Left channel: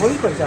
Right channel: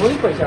वही पैसा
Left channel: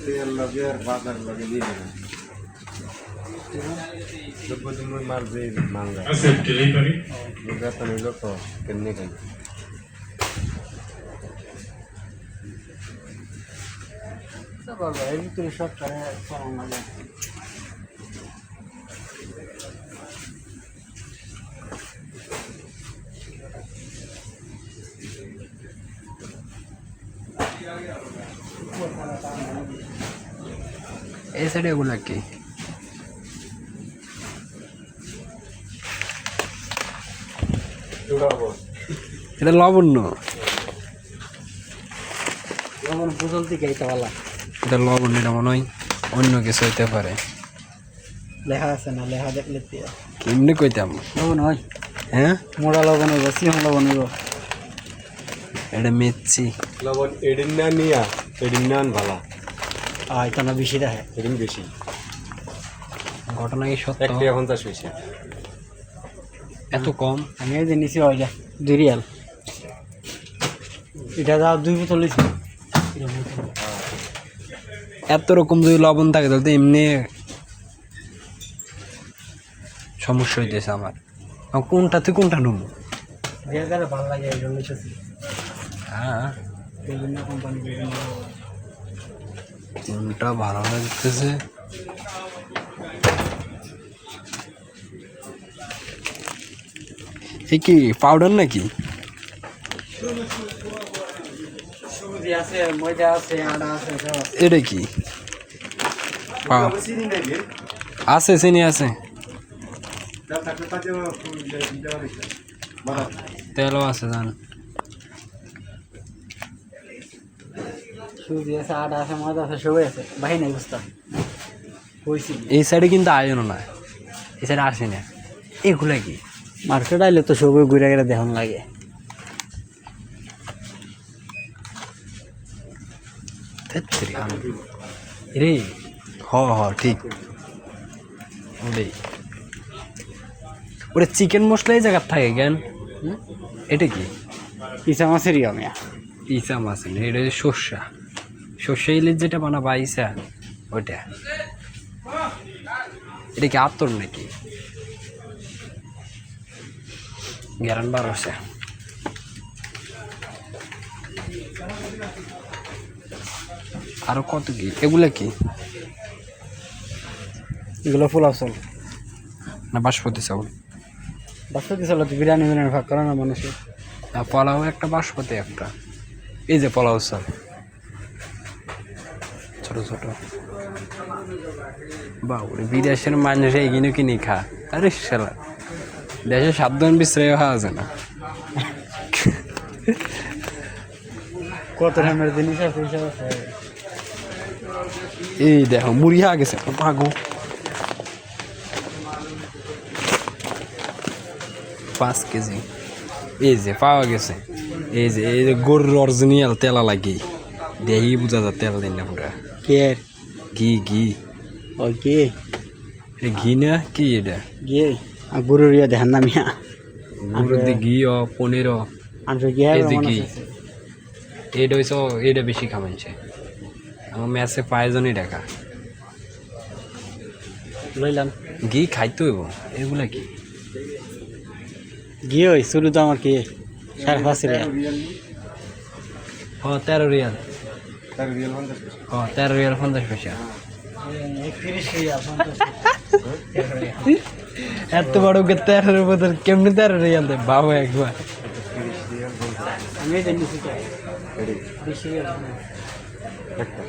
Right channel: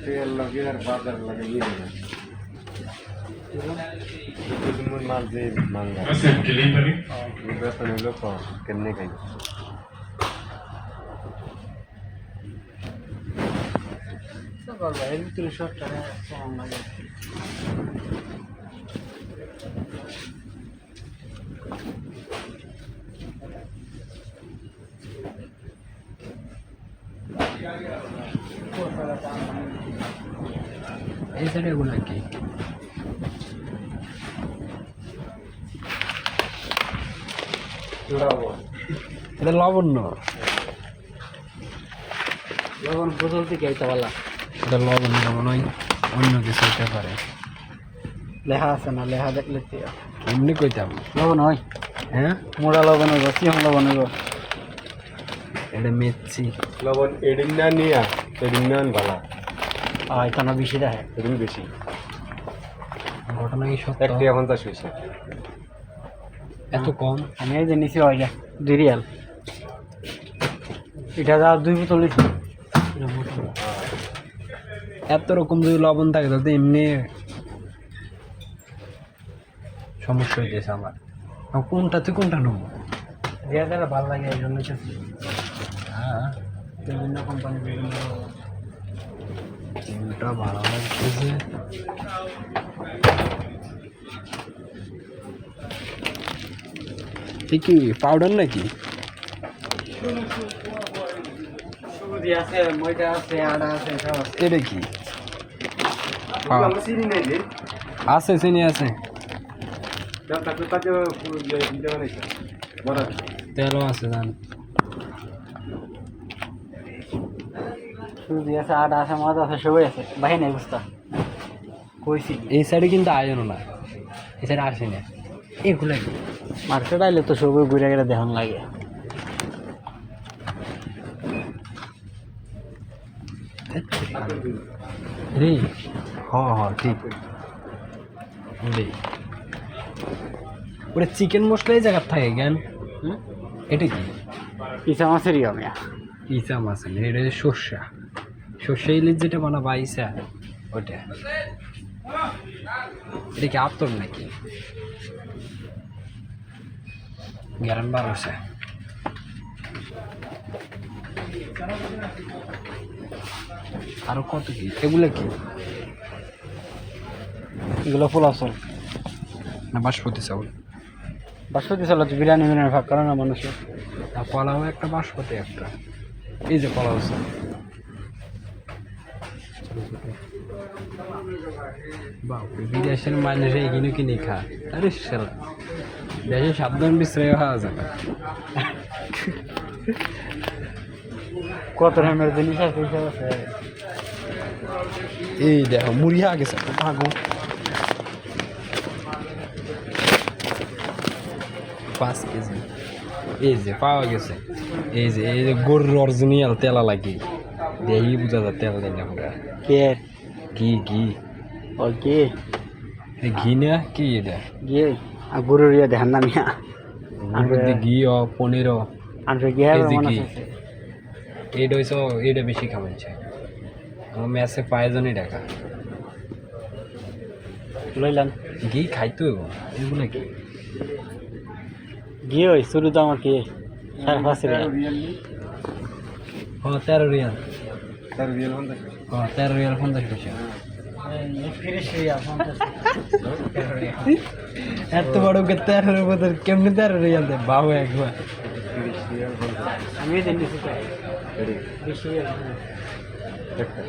तेल लगे और बादल लगे ये है जो कुछ मन मार दे मांगा Hacer que le pare. मुझे तो नहीं लोग करने का सब और भाई तो शॉट करे सॉन्ग आ जाए এই সাইডে এগুলো কি এটা লবণ্য লবণ বদলতে গাইতে वाला এটা লবণ্য মনে হয় অন্য কিছু হতে পারে লেখা আছে না লেখা দেখলে কি এমনি কইতাম লবণ হয় হ্যাঁ মোড়া লবণ হইব সিম লবণ হইব এটা মেচ্ছি লবণ এডিনা নিয়া এডিনান ভালো এটা না বেশি দেখে এডিন বেশি ঘটনা কি সত্য একটা 50 পয়সা এত কম আমি এই যে নিছি ওইটা 2 রিয়াল এটা দাও 2 বোতল নিছি এত রকম যদি লবণ থাকে তাহলে তো এমনি সমস্যা হইতেছে আমার কোনটা তুই কোনটা নেবো রিয়াল ভালো লাগে এই জন্য নিতেছি হ্যাঁ বিভিন্ন কোম্পানি বিভিন্ন কোনটা ভালো লাগতেছে এ কি পাউডার নাকি সুজি আছে ময়দা আছে আটা আছে সব আছে এটা কি চিনি নাই রে আছে চিনি আছে দাদা কাছে দেওয়া নাই বড় তেলও আছে জান সুজি আছে আটা আছে ময়দা আছে সবই আছে বাহি নাই বুঝতা কইছি এই সাইডে কিন্তু আয়ন না এই সাইডে আসে না এগুলা কি মার্কেট আইলে তো সবই ঘুরে গেলে দেখুন লাগে রে হ হ ঠিক রে ওরে চিকেন মশলা এই জায়গার থাকে কেন এটা কি ইসা মাছেরই আমি ইসা মাছ না এটা হচ্ছে সর্ষা সর্ষা ইলিশ যেটা বানাবা ইসা ওইটা এটা কি আতর নাকি গ্যারান বার হচ্ছে আরো কত কি এগুলা কি এগুলো পোলাও চাল না বাসমতি চাউল বাসমতি চাল তো বিরিয়ানি বিরিয়ানি ভাগ করে না মানুষের আর পোলাও একটা বাসমতি একটা এই যে পোলাও চাল ছোট ছোট বাবরে বিদেশের মানুষ এগিয়ে কিনে খা আরে শালা দেশে সাবধান বিশ্রয় হওয়া যায় না কত দামের জিনিস আছে সব আছে এই দেখো মুড়িয়া গেছে ভাগো 5 কেজি এই যে পাওয়া গেছে এই যে গরুর অরিজিনাল তেলা লাগে দেহি বুঝা যায় তেল দেন না পুরা পের ঘি ওকে এটা ঘি না কি এটা গিয়ে গরুর ইয়ে দেখেন না মিয়া গরুর দিয়ে ঘি ও পনির ও আমরা গিয়ে এই যে ঘি এটা হইছে এটা বেশি খাওয়াইছে আমার ম্যাচে পায়জনই টাকা লইলাম ঘি খাইতে হইব এগুলা কি গিয়ে ওই শুরু তো আমার কি 5.5 রিয়াল ও 13 রিয়াল তার রিয়েল 50 ও 13 রিয়াল 50 পয়সা 31 রিয়াল 50 এত বড় কে 13 বদল কেমনে 13 রিয়াল দে বাবু একবার আমি এই জানি তো এডি 20 রিয়াল একটা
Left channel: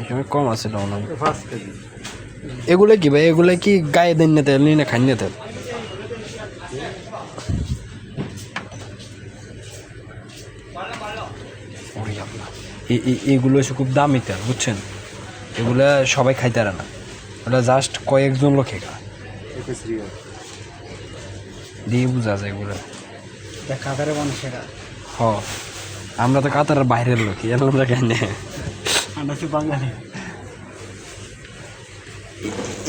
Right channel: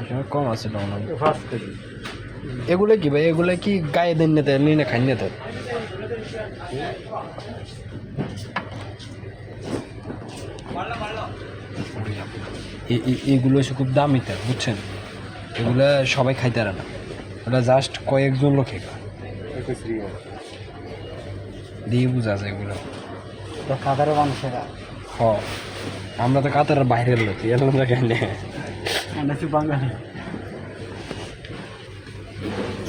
এখানে কম আছে দাম 5 কেজি এগুলো কি ভাই এগুলো কি গায়ে দেন না তেল না খান না তেল এগুলো হচ্ছে খুব দামি তেল বুঝছেন এগুলো সবাই খাইতে পারে না ওটা জাস্ট কয়েকজন লোক খেয়ে 21 রিয়াল দিয়ে বোঝা যায় এগুলো খাবারে মানুষেরা হ আমরা তো কাতারের বাইরের লোক এর আমরা খাই না আমরা তো বাঙালি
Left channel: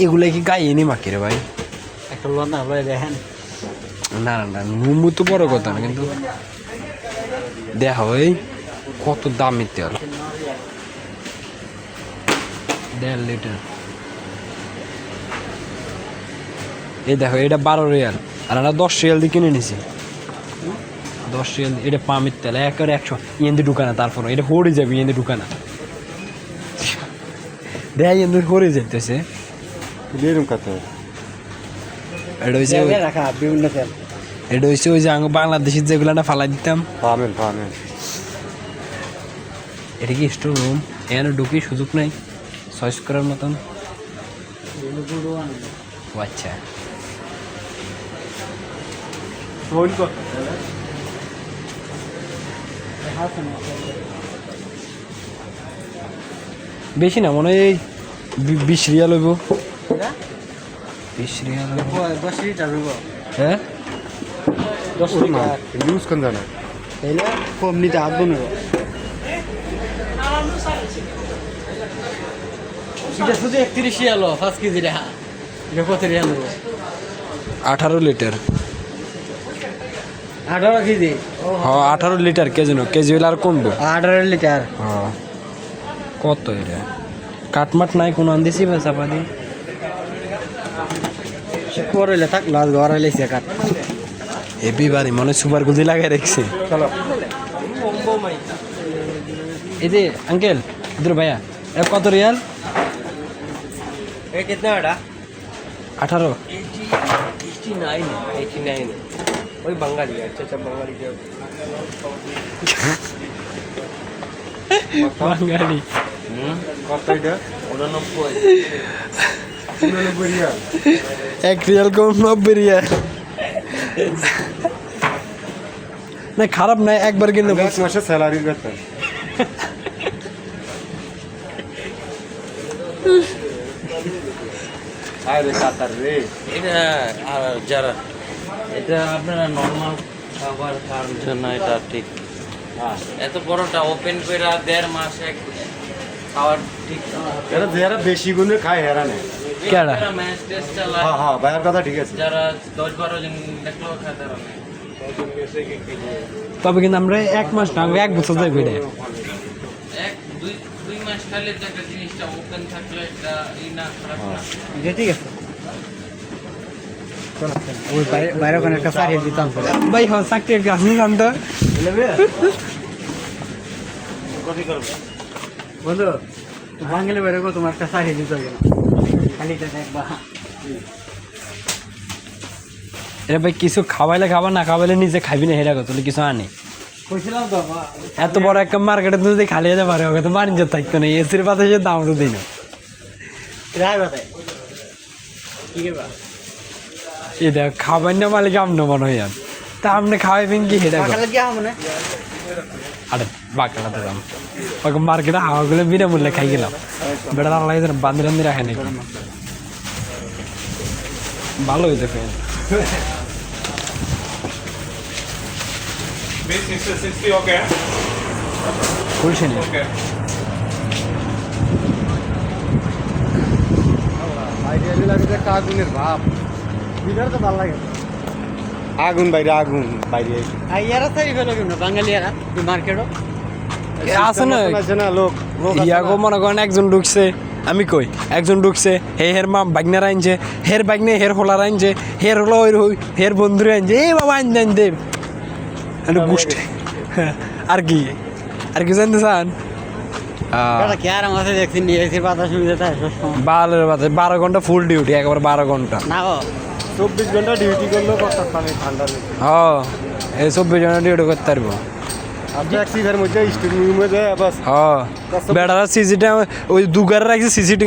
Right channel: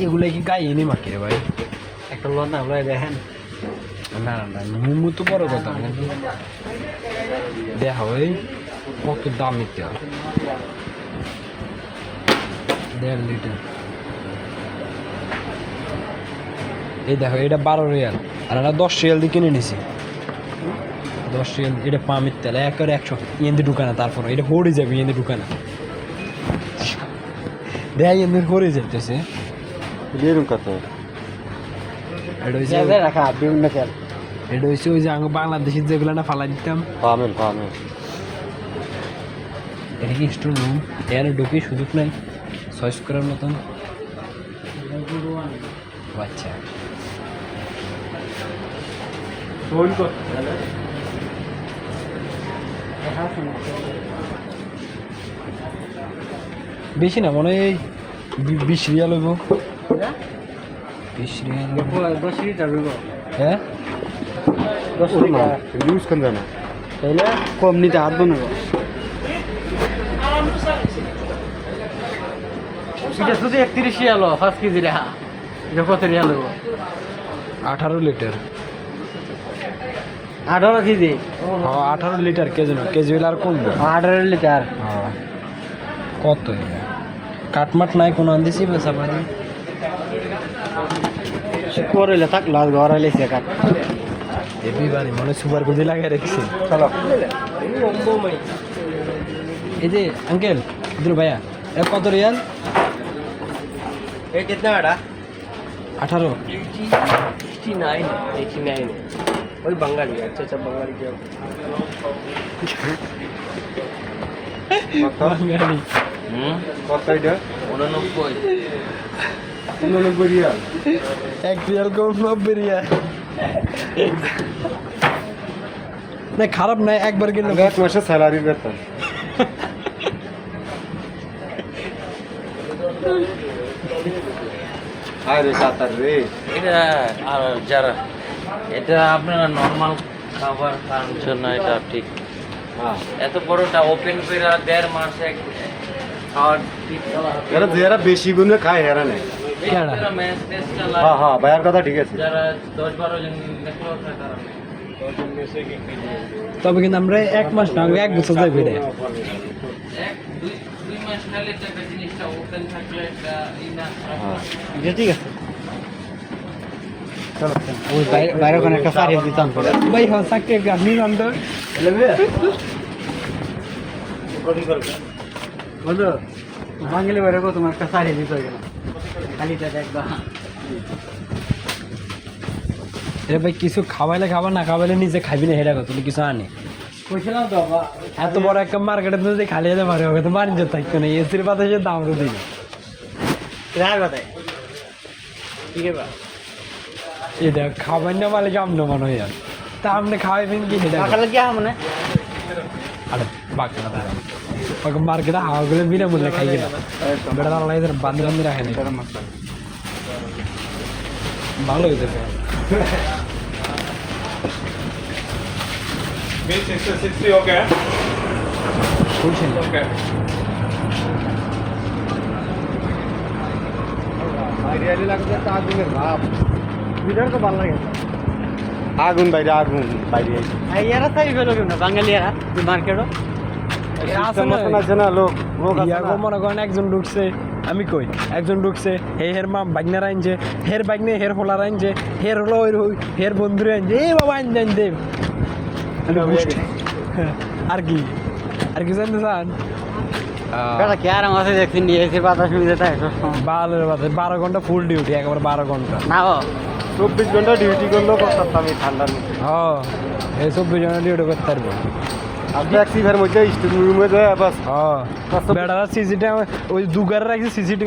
এগুলো কি গায়ে এনে মাখি রে ভাই একটা লোনা লয় দেখেন না না না মোমো তো বড় কথা না কিন্তু দেখা ওই কত দামি তেল 1.5 লিটার এই দেখো এটা 12 রিয়াল আর আমরা 10 রিয়াল দিয়ে কিনে নিছি 10 রিয়াল এটা পামের তেল একেবারে 100 ইয়েন্দি ঢুকানা তারপর এটা হড়ে যাবে ইয়েন্দি ঢুকানা দেখ ইয়েন্দি হড়ে যেতেছে রিয়েল কত এটা হচ্ছে রাখা বিভিন্ন তেল এটা হচ্ছে ওই যে আমি বাংলাদেশের যেগুলো না ফালাই দিতাম পামেল এটা কি স্টোর রুম এখানে ঢুকি সুযোগ নাই চয়েস করার মতন ও আচ্ছা ফোন কর বেশি না মনে হয় 20 রিয়াল হইব 20 রিয়াল 10 লিটার হইব হ্যাঁ 10 লিটার ইউজ কোন জানা তাইলে কম নিতে হাত বনব এটা শুধু 31 রিয়াল 5 কেজি রে এটা কত রিয়াল হইব 18 লিটার 18 কেজি হ্যাঁ 18 লিটার কেজি হলে আর কমবে 18 লিটার হ্যাঁ কত এটা কাটমাট নাই কোনো আনদিছি পয়সা পানি করলে থাক লাল ঘর আইলেছে কাট এবি বাড়ি মনে সুপার গুজি লাগাই রেখেছে চলো এই যে আঙ্কেল ইধর ভাইয়া এ কত রিয়াল ये कितना बड़ा 18 89 वही बंगाली अच्छा बंगाली के বাঙালি কত এটা 89 রিয়াল 1 রিয়াল কম 90 রিয়াল না খারাপ না একবার কিনলে 10 মাসের স্যালারি বেতন আরে কাতার রে এটা আর যারা এটা আপনারা নর্মাল খাবার খাওয়ার জন্য এটা ঠিক হ্যাঁ এত বড়টা ওপেন করে আর 1.5 মাসে খাওয়ার ঠিক এরা যারা বেশি গুণে খায় এরা নেই কেডা? ম্যাচ টেস্ট হ্যাঁ হ্যাঁ ভাইয়ের কথা ঠিক আছে যারা 10-12 জন দেখলেও খায় তারা নেয়। তবে কিন্তু আমরা 1 মাস না 1 বছর যাই বেড়ে 1-2 মাস খাইলে তো একটা জিনিসটা ওপেন থাকলে একটা ই না খারাপ না ये ठीक है चलो ওই বাইরে কোন একটা সারি দিতাম তো ভাই হো সাকতে গাছ নিয়ে আনতো বন্ধু বাঙালি বাইরে কো তোমার একটা সারি দিতে হবে খালি টাকা একবার এ ভাই কিছু খাওয়াইলে খাবার না খাওয়াইলে নিজে খাবি না হেরা কত কিছু আনে কইছিলাম তো এত বড় একটা মার্কেটে তো যদি খালি যেতে পারে ওকে তো বাণিজ্য থাকতো না এসির বাতাসের দাম তো দিন রায় বাতায় ঠিক আছে এটা খাবার না মালিক আমনো মনে হয় আর তা আপনি খাওয়াইবেন কি সেটা কই? সকালে গিয়া মনে আরে বাকানা তো জানো ওকে মার্কেটে হাওয়াগুলো বিনামূল্যে খাই গেলাম বেড়া আল্লাহ বান্ধব রাখেনি ভালো হয়েছে তো B660, okay. বলছেন Okay. আইডিয়ালি লাগে একটা আগুনের ভাব ভিডিও তো ভালো লাগে আগুন বাইরে আর ইয়ারা তাই হলো কেন বাঙালিয়ারা মার্কেটও আছে না আছে না লোক ইয়াগো মনে করেন একজন ঢুকছে আমি কই একজন ঢুকছে হের মা বাগনার আনছে হের বাগনে হের হোলার আনছে হের হলো ওই হের বন্ধুরে আনছে এই বাবা আন দে আর কি জানতে চান বেটা কি আরাম আছে দেখছি নিয়ে এসে বাতাস সুবিধা তাই 12 ঘন্টা ফুল ডিউটি একবার 12 ঘন্টা না ও 24 ঘন্টা ডিউটি করলেও করতে পারবে ঠান্ডা নেই হ্যাঁ এই 24 ঘন্টা ডিউটি করতে পারবো আর এক সিজার মধ্যে স্টিং রুমে যায় বাস হ্যাঁ বেটারা সিসিটি ওই দুগার রাখছে সিসিটি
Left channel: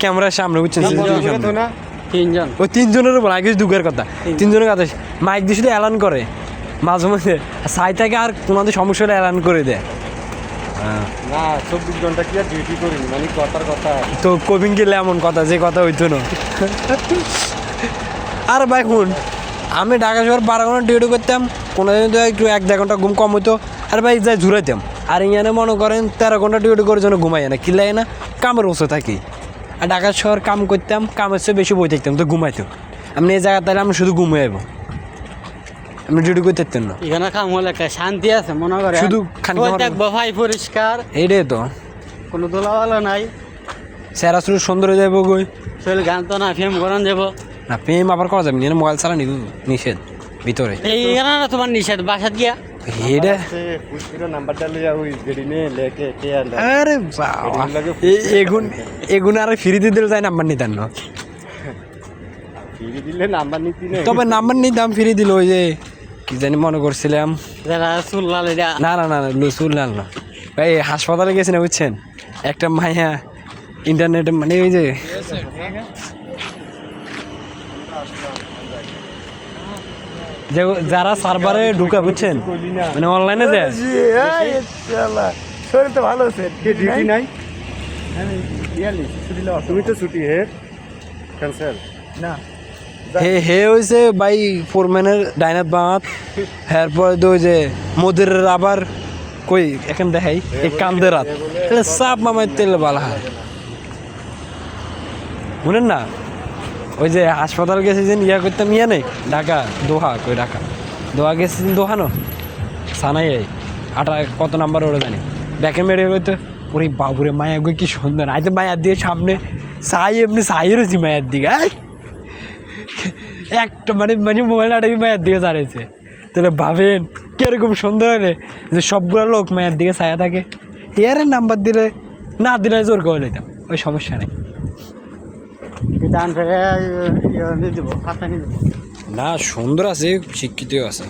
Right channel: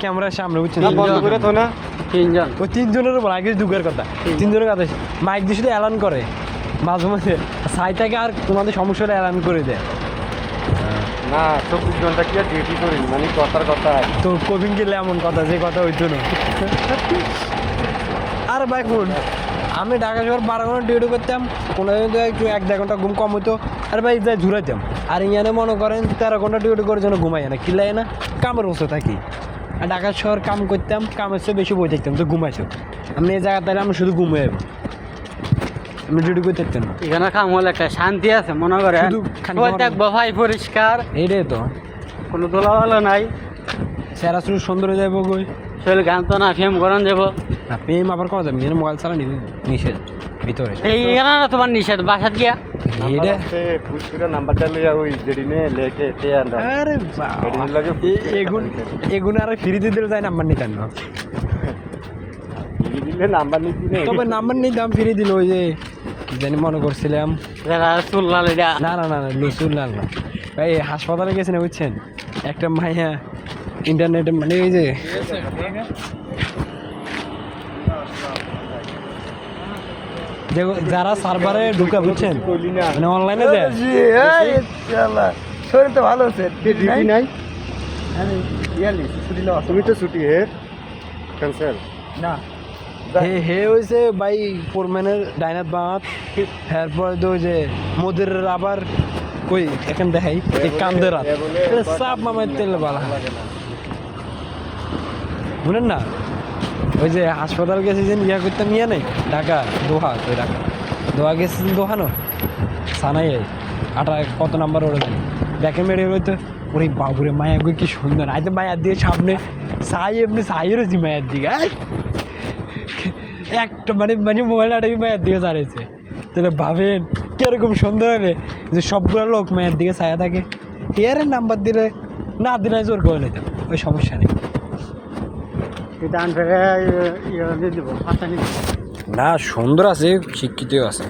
ক্যামেরার সামনে বুঝছেন বন্ধ করে তো না তিনজন ওই তিনজনের উপর আগে দুগার কথা তিনজনের কথা মাইক দিয়ে শুধু এলান করে মাঝে মাঝে সাই থেকে আর কোনোদিন সমস্যা হলে এলান করে দেয় না 24 ঘন্টা কি আর ডিউটি করি মানে কথার কথা তো কবিং গেলে এমন কথা যে কথা হইতো না আর ভাই শুন আমি ঢাকা শহর 12 ঘন্টা ডিউটি করতাম কোনোদিন তো একটু 1-2 ঘন্টা ঘুম কম হইতো আর ভাই যাই ঝুরাইতাম আর ইয়ানে মনে করেন 13 ঘন্টা ডিউটি করার জন্য ঘুমাই না কিলাই না কামের বসে থাকি আর ঢাকা শহর কাম করতাম কামের চেয়ে বেশি বই থাকতাম তো ঘুমাইতো আমি এই জায়গা তাহলে আমি শুধু ঘুমিয়ে যাবো আমি ডিউটি করতে পারতাম না এখানে কাম হলে একটা শান্তি আছে মনে করে শুধু খালি প্রত্যেক বফাই পরিষ্কার এইটাই তো কোনো দোলাওয়ালা নাই সেরা শুরু সুন্দর হয়ে যাবো গই শরীর গান তো না ফেম করান যাবো না প্রেম আবার করা যাবে না মোবাইল চালানি নিষেধ ভিতরে এইখানে না তোমার নিষেধ বাসাত গিয়া এটা পুরো নাম্বারটা লিয়া ওই গড়ি নিয়ে লেটে তে আনলা আরে এগুন আর ফ্রিতে দিলে যায় নাম্বার নিতেন না দিলে নাম্বার নিতি না তবে নাম্বার নিতাম ফ্রি দিল ওই যে কি জানি মনে করছিলাম যারা চুল লাল এটা না লুসুল না ভাই হাসপাতালে গেছি না বুঝছেন একটা মাইয়া ইন্টারনেটে মানে ওই যে যারা সার্ভারে ঢুকা বুঝছেন মানে অনলাইনে দেয় শরীর তো ভালো আছে ডিউটি নাই তুমি তো ছুটি হে ক্যান্সেল না হে হয়েছে ভাই ফোরম্যানের ডাইনাত বাঁত এরপর তো ওই যে মোদের আবার কই এখন দেখাই এই কান্দের রাত সাপ মামার তেল বালা শুনেন না ওই যে হাসপাতাল গেছে যে ইয়া করতাম ইয়া নেই ঢাকা দোহা কই দোহা গেছে দোহা না সানাই আটা কত নাম্বার ওরা জানি দেখে মেরে হইতো ওরে বাবুরে মায়া গো কি সুন্দর আইতে মায়ার দিয়ে সামনে এমনি সাইয়ের হচ্ছি মায়ের দিকে একটা মানে মোবাইল আটাই মায়ের দিকে দাঁড়িয়েছে তাহলে ভাবেন কিরকম সুন্দর হলে যে সবগুলো লোক মায়ের দিকে ছায়া থাকে হেয়ারের নাম্বার দিলে না দিলে জোর করে নিতাম ওই সমস্যা নেই দান করে দিব না সুন্দর আছে শিক্ষিত আছে